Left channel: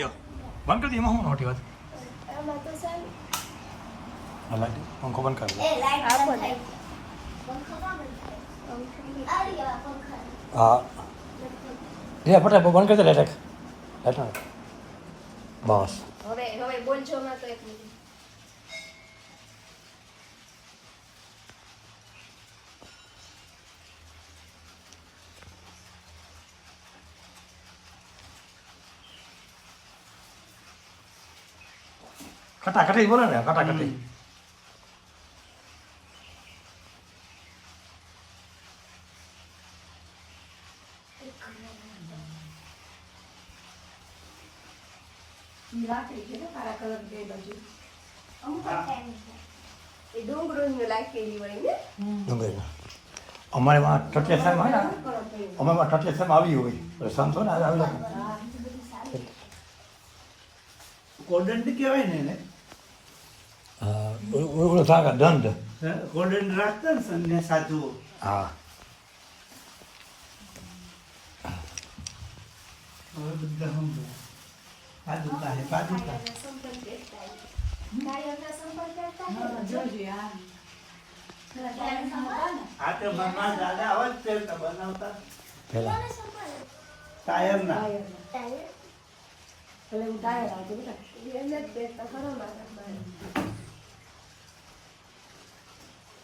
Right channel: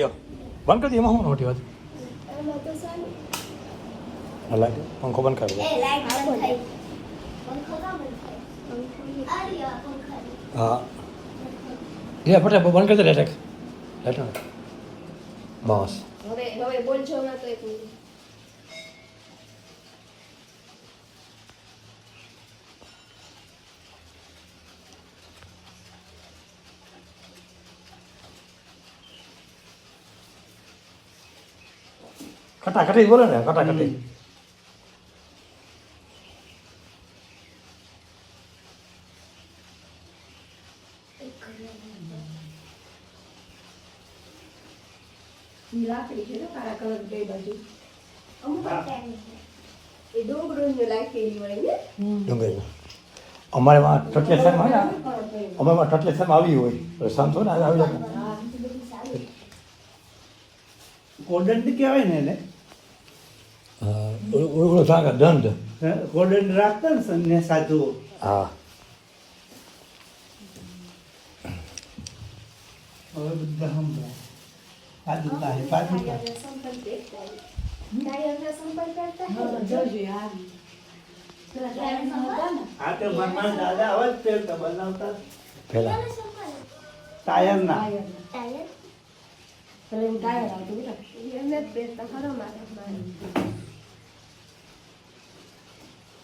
દો બંધ કરી દો એમાં હું મોટી વાત લાઈટ પંખો બંધ કરી દો હા લે ફટાફટ બંધ કરી દે લાઈટ લાઈટ બસ હવે બોલજો ના તો એક મિનિટ ખટાખટી બોલે ને ખટાખટી લાકડી છે ને કાળા કલર બે બાજુ એ ડુંગળી લાખેલી હોય ને ડુંગળી અમારે ટટલેસરમાં ને અમારે ટટલેસરમાં આવી હોય સંતો ને આવી જાય કોડંડ કહેવાય ને એને ઓળો થાકા દંડ કોડંડ રાખતા ને સંન્યા સાધુ હા હવે બધા સમજાય પાદુકા હે પાદુકા આ તો મારા દાદા આવા જ પહેરતા બનાવતા પેલા ટાયરના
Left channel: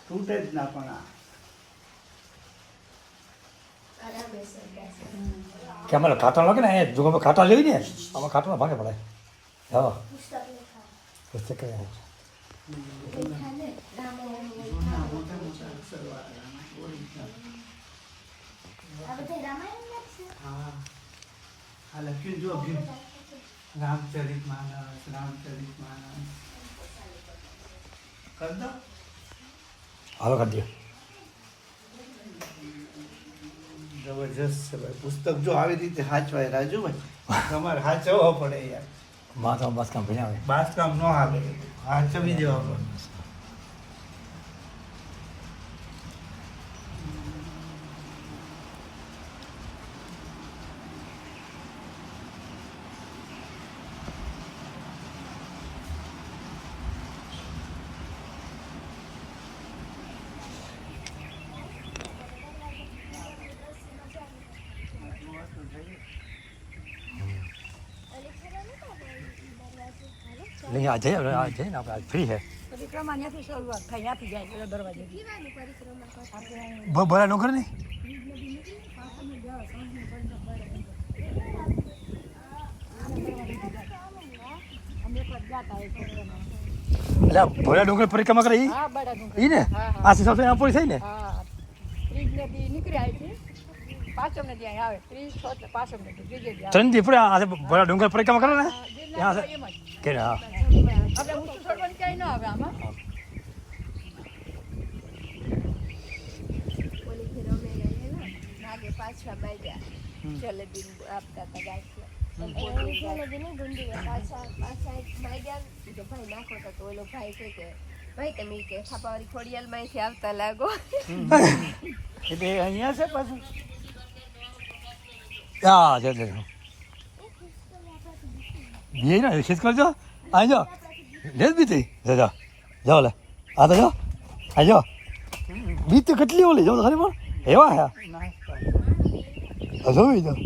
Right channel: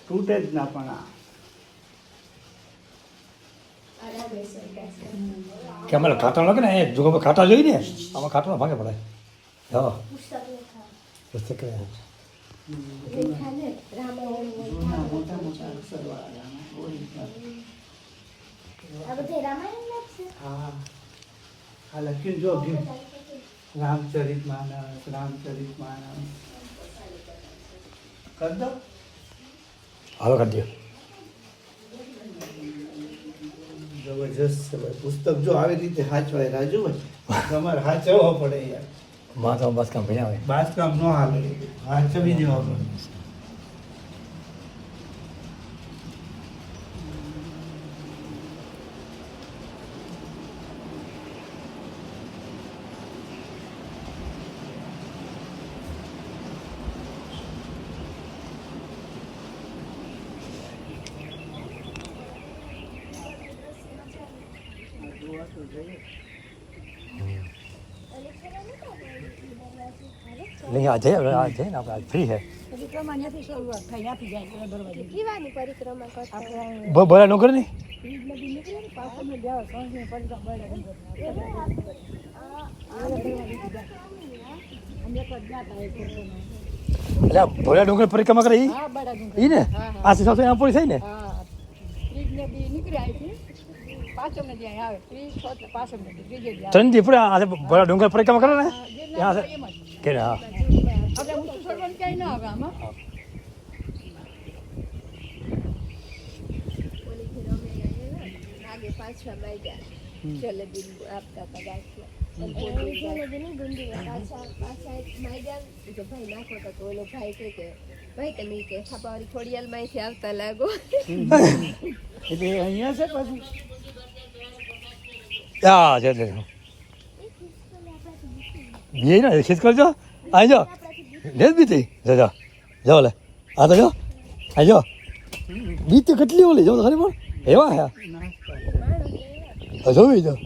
તૂટે જ ના પણ આ કે અમારે ખાટા લાગે ને એ જો ખાટા જોઈ ને આમાં ખાટાનો ભાગે પડાય હા પુસ્તક જૂના મોટા મોટા સરવાળા હા આ લખ્યું જો ગયું રામચરિત માનસ કર દો હવે કરી દો જબરજસ્ત છે ભાઈ પુસ્તક જો આવી રીતે હાચવાય રાજુ ભાઈ તમારે હાચવવો પડે યાર માં તો બસ કામ ભણ્યા હોય બાંધકામ ન હાલે હાચવી દેવા પડે નહીં આ જઈએ ને આપણે આજ ફ્રી છે પરિક્રમા ત્યાંથી શરૂઆત થાય ત્યાંથી જાય પેલા દરવાજે કેવાની પરિક્રમા કરતા બોલા નો કરે ને નદી નીકળે ને પાછળ ને જાવ સાંજની પરિક્રમા બળા ડુંગર અમે એક વાર ગયા હતા એ પરિક્રમા એટલે ભોળા ડુંગર પરિક્રમા કરે હા બળા ડુંગર ઈ ને આ સીધો આમ પડી થઈ ને હા ત્રીજ નદી નીકળી આવી હતી પાછળ ને ત્યાં આવે ત્રીજ એટલે પાછળ ને ત્રીજે જ આવે ત્રણ દી પૂરા આ ભોળા ડુંગર પરિક્રમા કરે ને એમ જ કે હા આપણે હું છોડવાની ક્યાંય ના આવે આમાં ઓલી ફેર અમે આગે પાછા માંગ્યા જલેબી આપતા હતા ગાંઠિયા પાછા માંગ્યા તો ભાઈ નાખો તો ઓલો ભાઈ કે ભાઈ તમે કે ખાપાવાળી ખોડિયાલ માંથી આવતા લાગો એટલે અહીંયા છે પાછું હા જય જય ये ना खींच कर जाओ आ जाओ ले बीती जा जा जाओ ले आ तो जाओ आ जाओ बीत કેટલી ઓલી જાઓ ખરી પણ એવા હે આ જોઈ જાઓ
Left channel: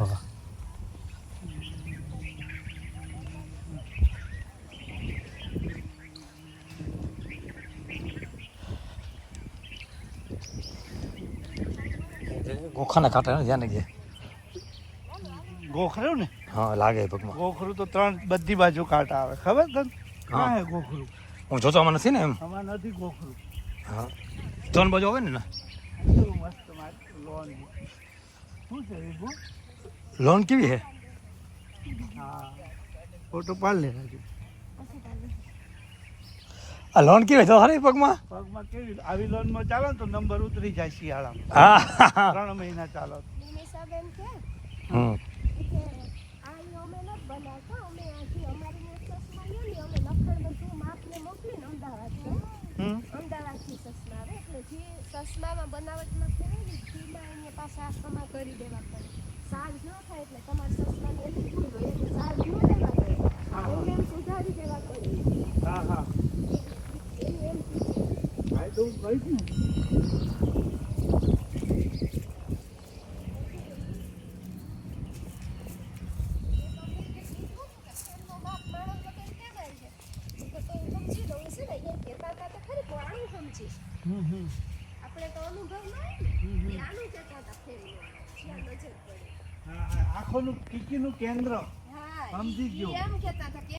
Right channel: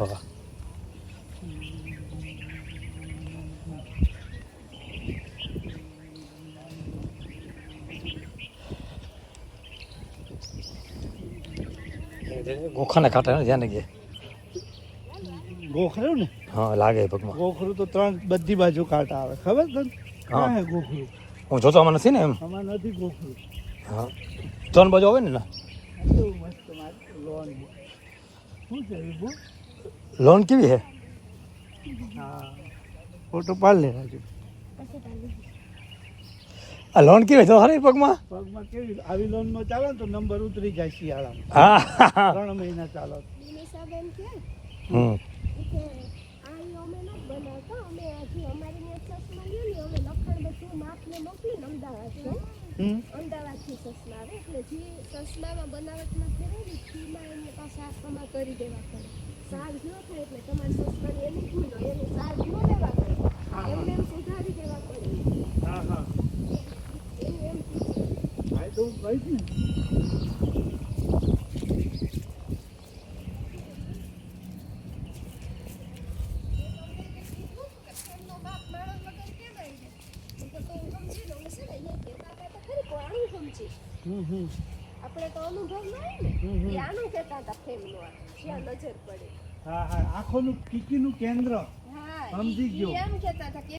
હા ગોખાને કાંટે ને ધ્યાન રાખજે ગોખરું ને હા લાગે પગમાં ગોખરું તો ત્રણ બધી બાજુ કાંટા આવે ખબર તને હા. હા ગોખરું હું જોતો આમાં નથી ને એમ આમાં નથી ગોખરું હા ત્રણ બાજુ આવે ને શું મસ્ત લોન શું છે વિભુ લોન કેવી હે હા ફોટો પાડ લે હજુ આ લોન કેવી તો ખરી પગમાં પગમાં કેવી આવી લોનમાં ચાલો ને તો નંબર ઉતરી જાય શિયાળામાં હા 3 મહિના ચાલો નિશાબેન કે હમ કે આ અમે ન બનાવતા અમે આજે અમારી ને ચશ્મા લ્યો ને અમે લખાણ બધું માપને મોકલીને અમદાવાદ છે અમદાવાદથી સસમા આવે એટલે જે સસમામાં બનાવટમાં ફેરવી ઘીમાં એને પાછા આખામાં કરી દેવા પડે. સાજ ન થાય એટલે તમારે સસમાની એની ભૂલ હોય એને સાજ ન લેવા પડે, એમને એમ સુધારી દેવા પડે. હા હા એનું એમ ફાયદો કઈ જ ને ફેરનો માપ માણસ વગર કેમ આવી જાય? તો સમજી લઉં છે ને, એ કહેતા હતા તો ખરી પણ આનું સમજી. આપણે તો અનુભવ ના હોય ને, એ આનું કહેતા હતા ફેરનું આવે જ્યાં નજર પડે. હા હા આંખોનું કીકીનું કેન્દ્ર હા સમજી ગયો. ઈ એમ કહેતા હતા કે